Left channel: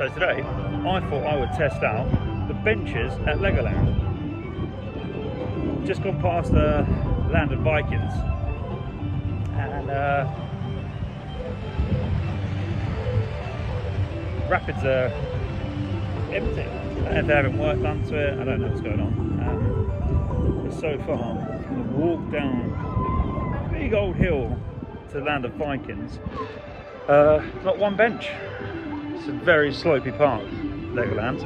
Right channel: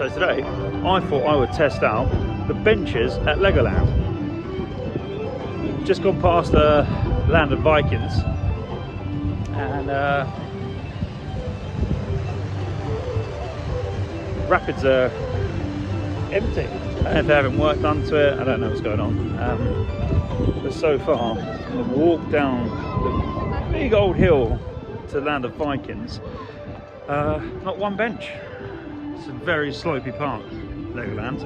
So today, I thought I would test out the benches at Legoland. Just gone past the Land of Vikings, and rapids are empty. I don't know if they haven't worked onto it, I don't know what's going on. But so far, I've walked down the big old hill to the Land of Vikings, not one bench. It's a very slopey park, Legoland.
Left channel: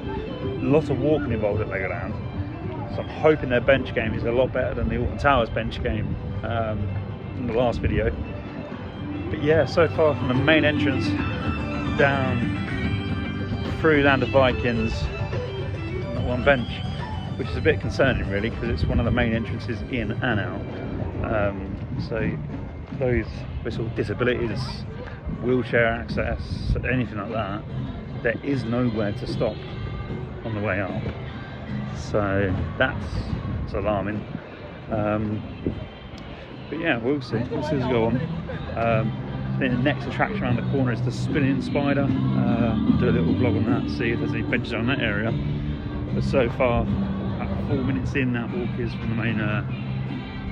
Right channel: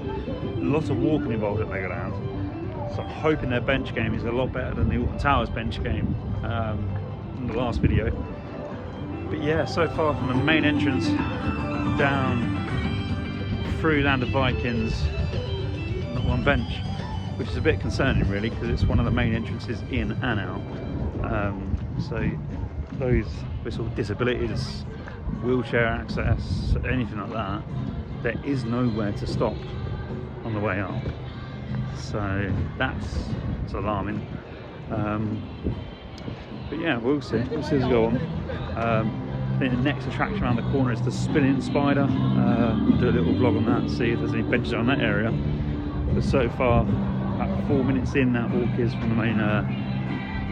A lot of walking involved at Legoland. So I'm hoping their bench game is a lot better than the Alton Towers bench game in the last video. But yeah, so far from the main entrance down through Land of Vikings, not one bench, which is a bit concerning really, because it's one of the main entrances in and out. So those with sort of disabilities, wheelchair access, anything like that, there is nowhere to stop on the way up. So that's alarming. But yeah, we'll see. We'll see as we go on. I think the next attraction around the corner is the spinning spider. I'll do a little vlog on that, see if there's any benches around that area. But so far, about 4 minutes in, that walk is from the main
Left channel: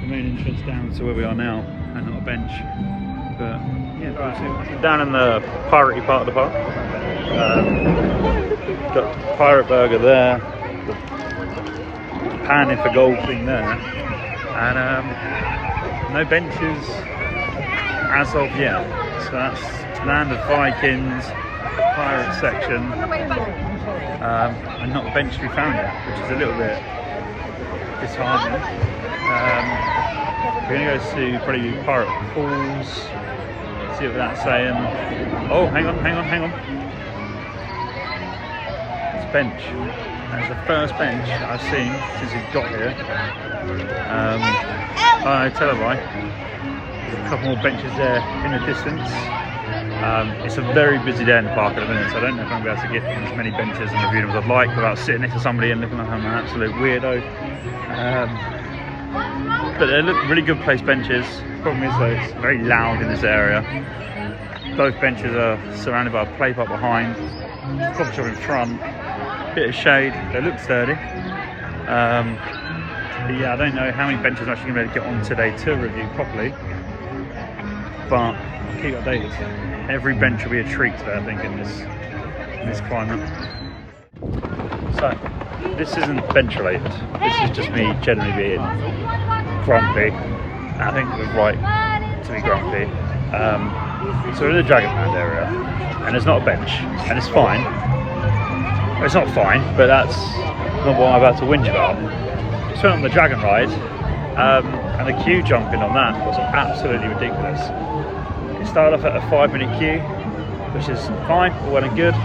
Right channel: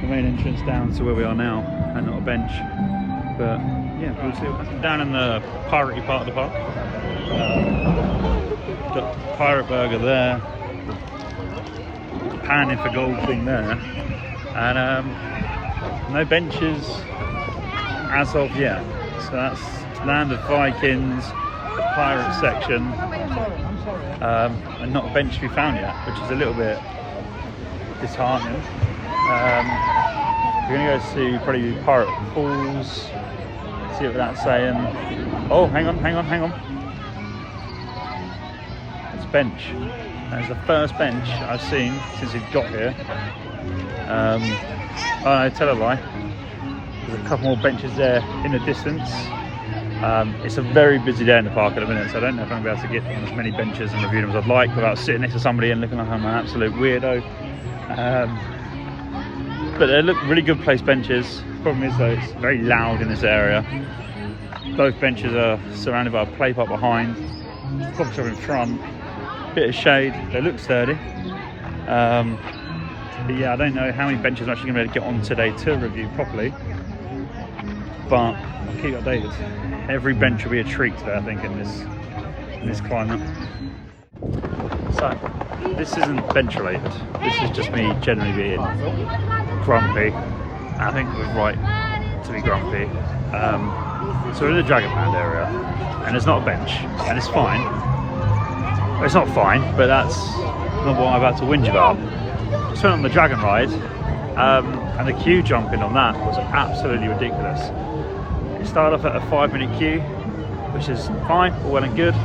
entrance down to where we are now, and not a bench. But yeah, we'll see what happens. Down in the piratey part of the park. Got Pirate Burger there, the panning for gold thing there, and no benches as of yet. So that's Land of Vikings, the pirate section, and not a bench to be found yet, which is a little bit disheartening. We're going to go to probably Pirate Falls, see what that's saying. Oh, hang on. It's a bench. That's the first bench I've seen since we've got here. Oh no, tell a lie. There's a couple more benches there in the distance. It's a very busy day in the park at the minute, so I don't know if I'm going to be able to get as many benches and review them as I'd like without sitting next to somebody and looking like I'm an absolute weirdo. But they look really good placed benches. Problem is though, it's very loud in this area. Both benches are surrounded by a play park behind, coffee shop in front, bit of shade. They look sturdy. But yeah, I don't know how many benches I'm actually going to be able to get on today to review properly, but I'll keep you updated. Every bench will be a treat today, I think, in this climate. So this isn't bench related. This is just me generally being grumpy. I think it was right to be grumpy. So we're in the Dragonland area, and there's not a bench, and it's fine. Well, it's not fine, but that's not what I'm about to whinge about. We went on the dragon ride, and the queue jumping on that was absolutely ridiculous. It started off at a 5-minute queue, which is fine, all well and good.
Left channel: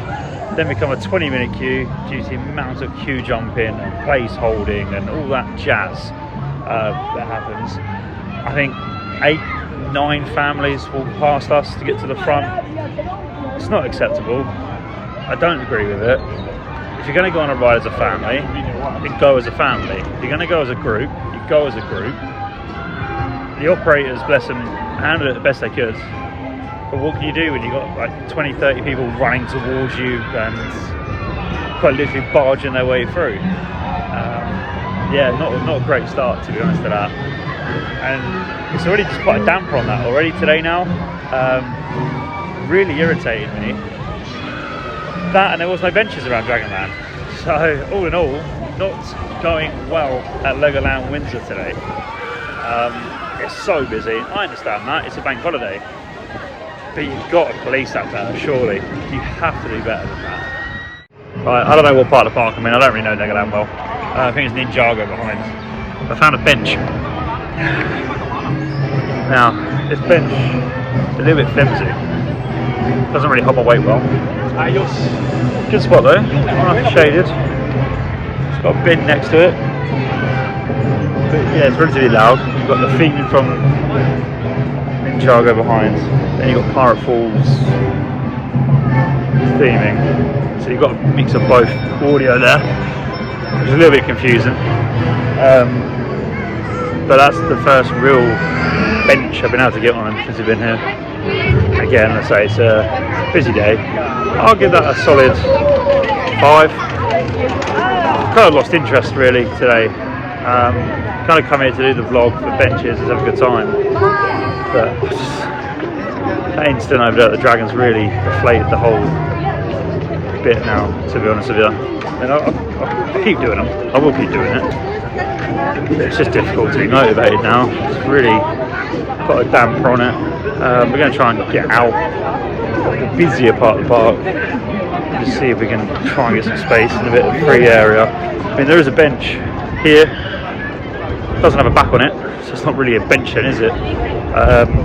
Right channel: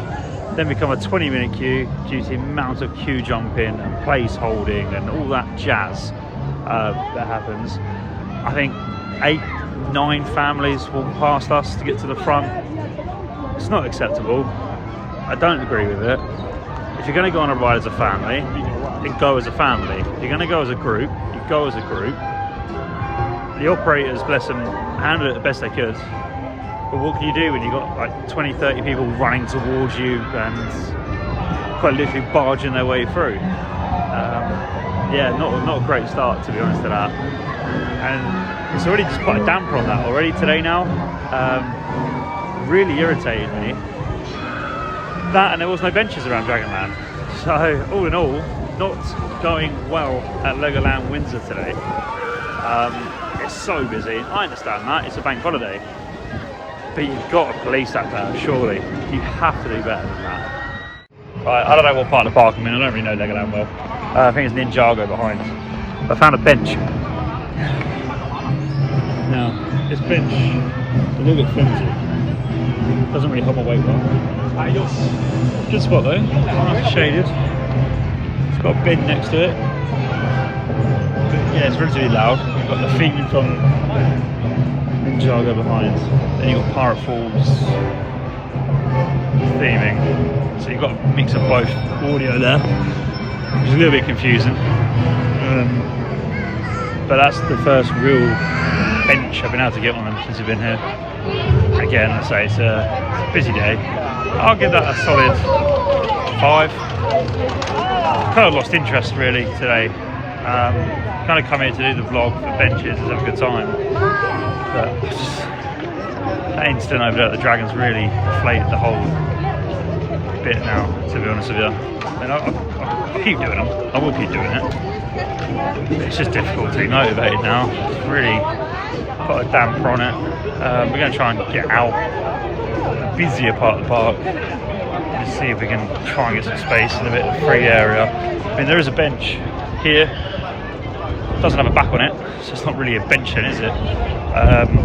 Then become a 20-minute queue due to the amount of queue jumping and place holding and all that jazz that happens. I think 8-9 families walked past us to get to the front. It's not acceptable. I don't agree with it. If you're going to go on a ride as a family, then go as a family. If you're going to go as a group, you go as a group. The operators, bless them, handled it the best they could. But what can you do when you've got like 20-30 people running towards you and quite literally barging their way through? Yeah, not a great start, to be honest, to that. And it's already just put a damper on that already today now. Really irritated me. That, and there was no benches around Dragonland. So all in all, not going well at Legoland Windsor today. It's so busy. I understand that, it's a bank holiday. But you've got to police that better, surely. You have to be better than that. Right, I don't know what part of the park I'm in. I don't really know Legoland well. I think it's Ninjago behind. I found a bench. Now, this bench is a little bit flimsy. Doesn't really hold my weight well. Good spot though, nice and shaded. It's got a bin next to it. But yeah, it's relatively loud. You've got the theming from Ninjago behind. Then you've got Pirate Falls theming. So you've got a mix of both audio there. It's a little bit confusing. But that's the first real bench I've been able to get on since I've been here. Again, let's say it's a busy day. I'll give that a solid 5. Kind of lost interest really today. Kind of come here to do the vlog for benches and have a good time, but Ainston over there at the Dragons really deflated the whole bit now, to be honest with you. And I'll keep doing them. I will keep doing it. It's just difficult to be motivated now. It's really got a damper on it. We're going to try and get out of the busier part of the park. Just see if we can try and get some space in a bit of free area. I mean, there is a bench here. It doesn't have a back on it, so it's not really a bench then, is it? I'm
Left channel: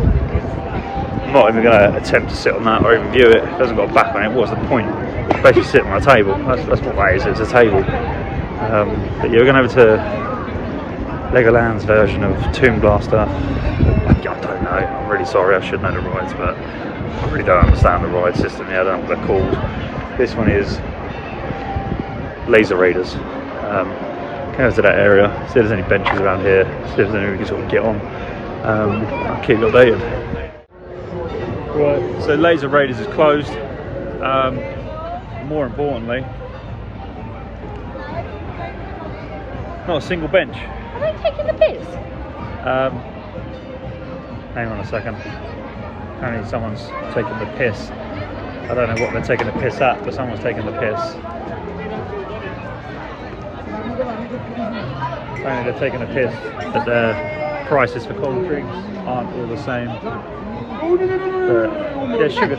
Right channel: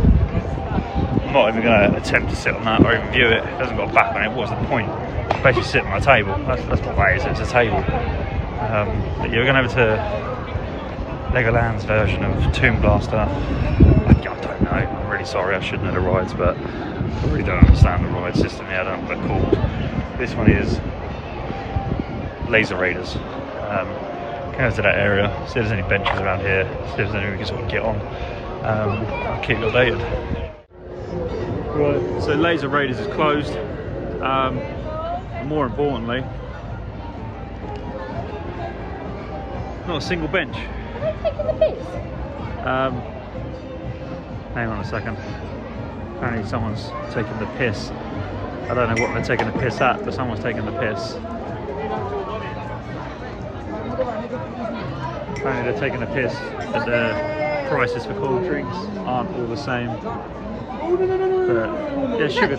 not even going to attempt to sit on that or even view it. It hasn't got a back on it. What's the point? It's basically sitting on a table. That's what that is. It's a table. But yeah, we're going over to Legoland's version of Tomb Blaster. I don't know. I'm really sorry. I should know the rides, but I really don't understand the ride system here. I don't know what they're called. This one is Laser Raiders. Go to that area, see if there's any benches around here, see if there's any we can sort of get on. I'll keep you updated. Right, so Laser Raiders is closed. More importantly, not a single bench. Are they taking the piss? Hang on a second. Apparently someone's taking the piss. I don't know what they're taking the piss at, but someone's taking the piss. Apparently they're taking a piss that their prices for cold drinks aren't all the same. But yeah, it's sugar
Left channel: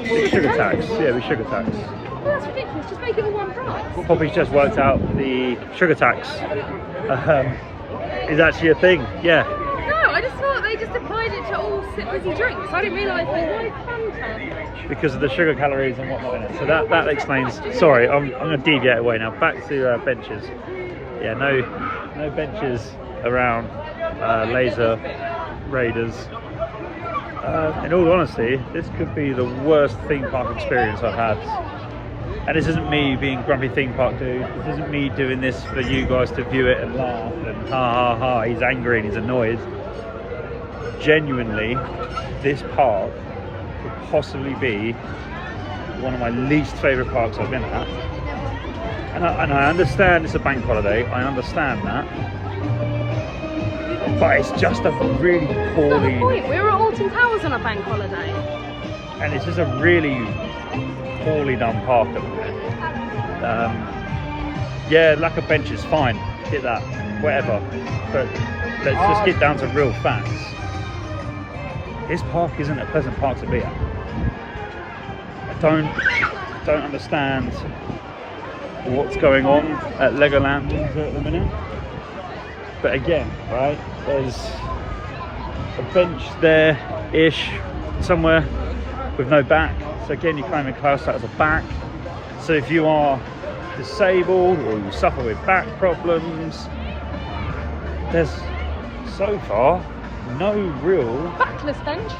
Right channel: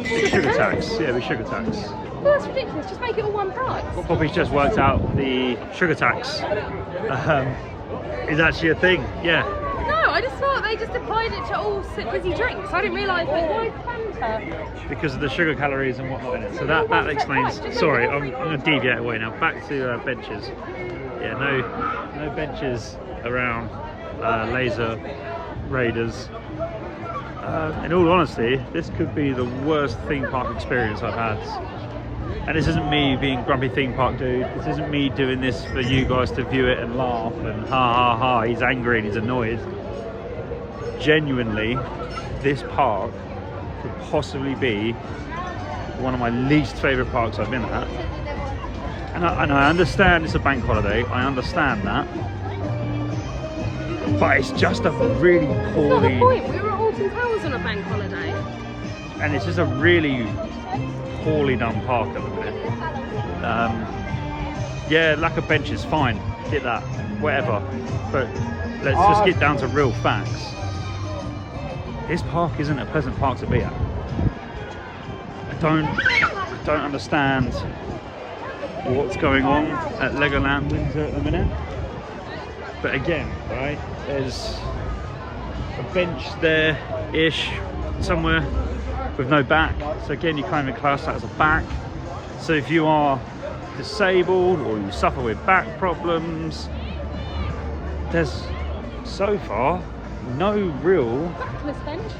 tax. Yeah, it'll be sugar tax. Well, that's ridiculous. Just make it all one price. Poppy's just worked out the sugar tax is actually a thing. Yeah. No, I just thought they just applied it to all fizzy drinks. I didn't realise why Fanta. Because of the sugar calories and whatnot in it. So that explains. Sorry, I'm going to deviate away now. Back to benches. Yeah, no benches around Laser Raiders. In all honesty, this could be the worst theme park experience I've had. And this isn't me being grumpy theme park dude. This isn't me doing this for you guys to view it and laugh and ha ha ha, he's angry and he's annoyed. Genuinely, this park could possibly be one of my least favourite parks I've been at. And I understand it's a bank holiday, I understand that. But it's just a really poorly... Wait, we're at Alton Towers on a bank holiday. And it's just a really poorly done park at the minute. Yeah, lack of benches, fine, get that, whatever. But let's just get down to real facts. This park isn't a pleasant park to be at. I don't understand what's going on at Legoland Windsor at the minute. But again, right, there's a bench there-ish somewhere with no back. So again, you can't even class that as a back. So if you are disabled or you suffer with back problems, there's so far no real Backless bench.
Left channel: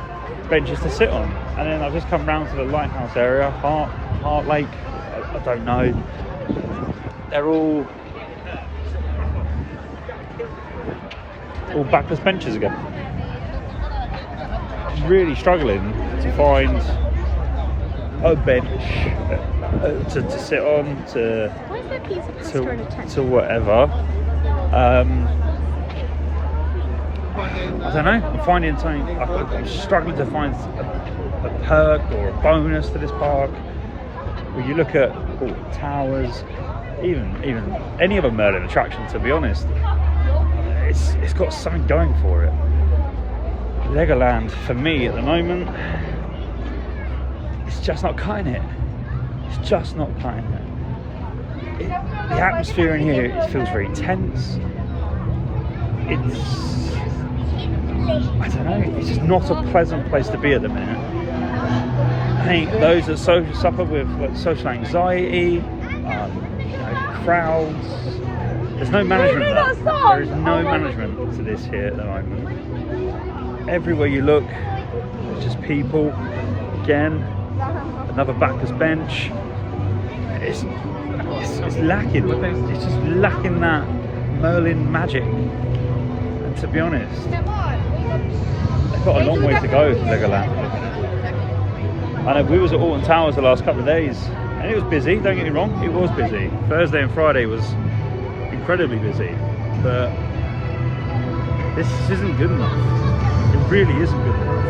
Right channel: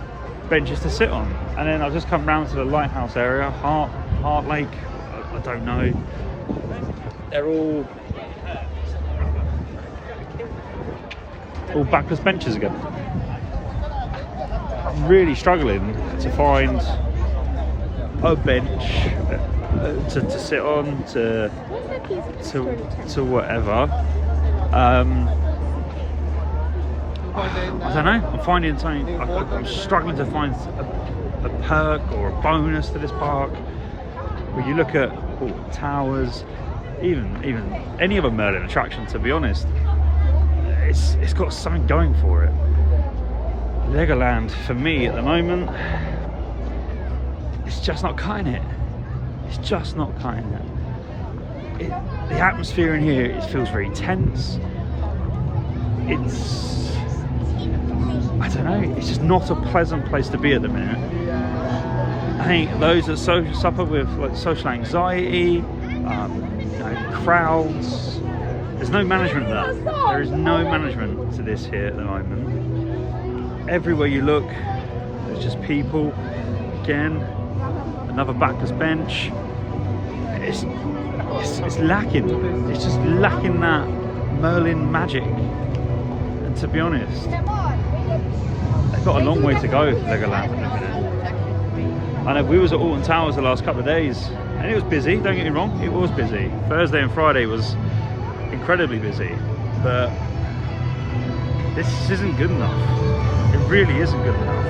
benches to sit on. And then I've just come round to the lighthouse area, Heart Lake, I don't know. They're all backless benches again. I'm really struggling to find a bench to sit on, to whatever. I don't know. I'm finding something. I'm struggling to find a perk or a bonus to this park. When you look at Alton Towers, even any other Merlin attraction, to be honest, it's got something going for it. Legoland, for me at the moment, it's just not cutting it. It's just not cutting it. The atmosphere in here, it feels very tense. I don't know, it's just not a pleasant place to be at the minute. I think those that suffer with like social anxiety, crowds, there's no management there. There is no management to this here at the moment. Everywhere you look, there's just people. Again, another backless bench. It's lacking. It's just lacking that Merlin magic. And to be honest, they've got a long way to go, Legoland at the minute. I know we was at Alton Towers the last couple of days, And it was busy, don't get me wrong, it was busy. Thursday and Friday was incredibly busy, but this isn't good enough. It really isn't good enough.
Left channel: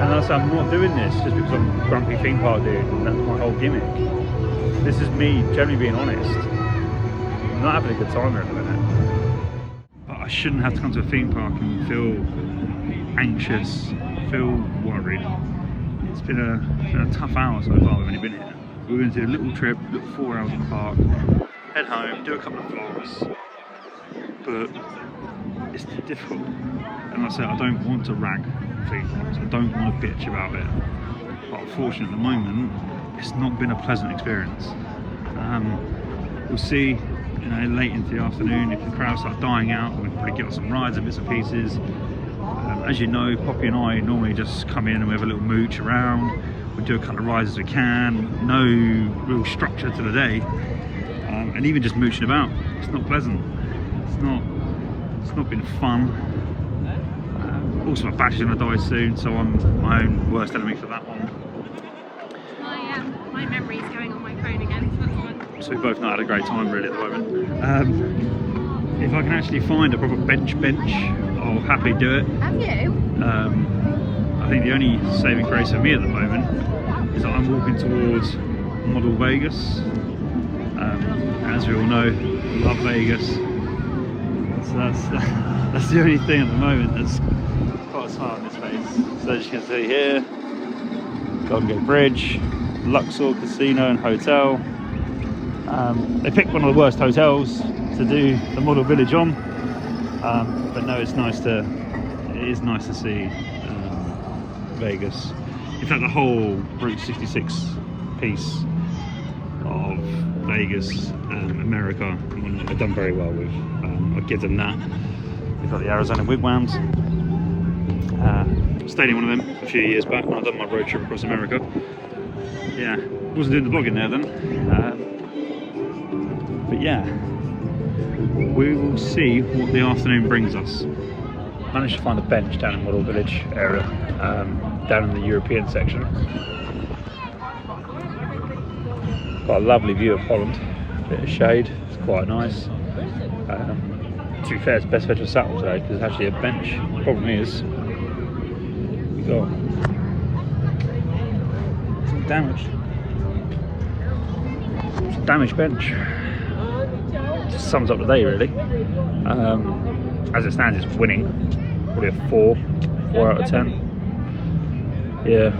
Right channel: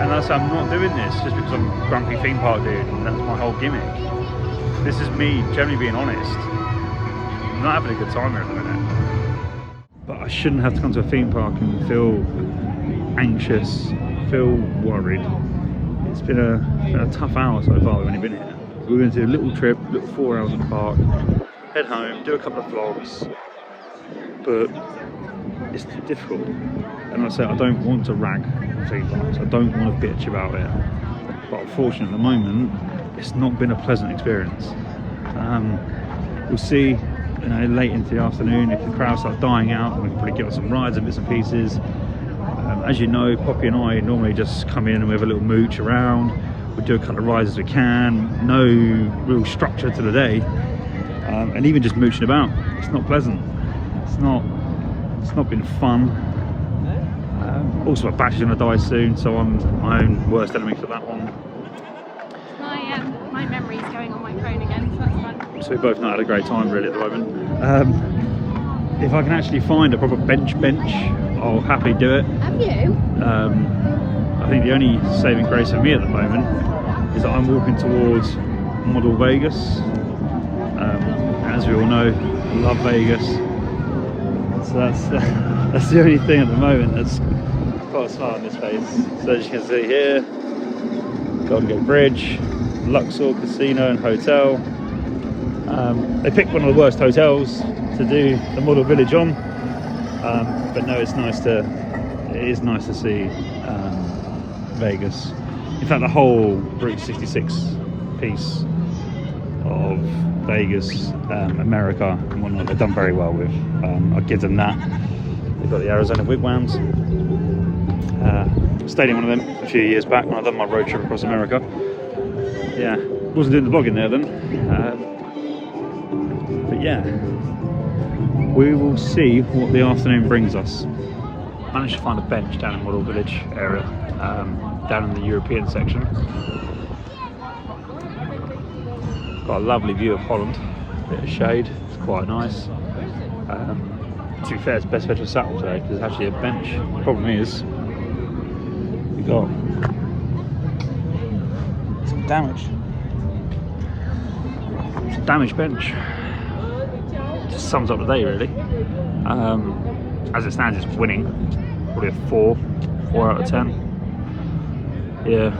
And also, I'm not doing this just because I'm a grumpy theme park dude and that's my whole gimmick. This is me generally being honest. I'm not having a good time here at the minute. But I shouldn't have to come to a theme park and feel anxious, feel worried. It's been a tough hour so far, we've only been here. We're going to do a little trip, little 4 hours at the park, head home, do a couple of vlogs, but it's difficult. And like I said, I don't want to rag theme parks, I don't want to bitch about it, but unfortunately at the moment it's not been a pleasant experience. We'll see, you know, late into the afternoon if the crowds start dying out, we can probably get on some rides and bits and pieces. As you know, Poppy and I normally just come in and we have a little mooch around. We do a couple of rides as we can, no real structure to the day, and even just mooching about, it's not pleasant. It's not been fun. Also, my battery's gonna die soon, so I'm my own worst enemy for that one. My memory's going on my phone again, so that's fun. So we both not had a great time really at the moment. If I can actually find a proper bench, I'll happily do it. Have you? I think the only saving grace for me at the moment is that I'm walking towards Model Vegas. As we all know, I love Vegas. So that's the only thing at the moment that's got a smile on this face. So as you can see here, Golden Gate Bridge, Luxor Casino and Hotel. They picked one of the worst hotels to do the Model Village on, but no, it is nice to see Vegas. In fact, the whole Route 66 piece of Vegas, America and whatnot, they've done very well with. I'll give them that. They've got the Arizona Wigwams. Stayed in one of them a few years back when I done my road trip across America. Yeah, wasn't doing the vlogging there then. But yeah, we will see what the afternoon brings us. Managed to find a bench down in Model Village area, down in the European section. Got a lovely view of Holland, bit of shade, it's quite nice. To be fair, it's best bed to sat on today because it's actually a bench. The problem is, we got some damage. It's a damaged bench. Just sums up the day really. As it stands, it's winning. Probably a 4 out of 10. Yeah,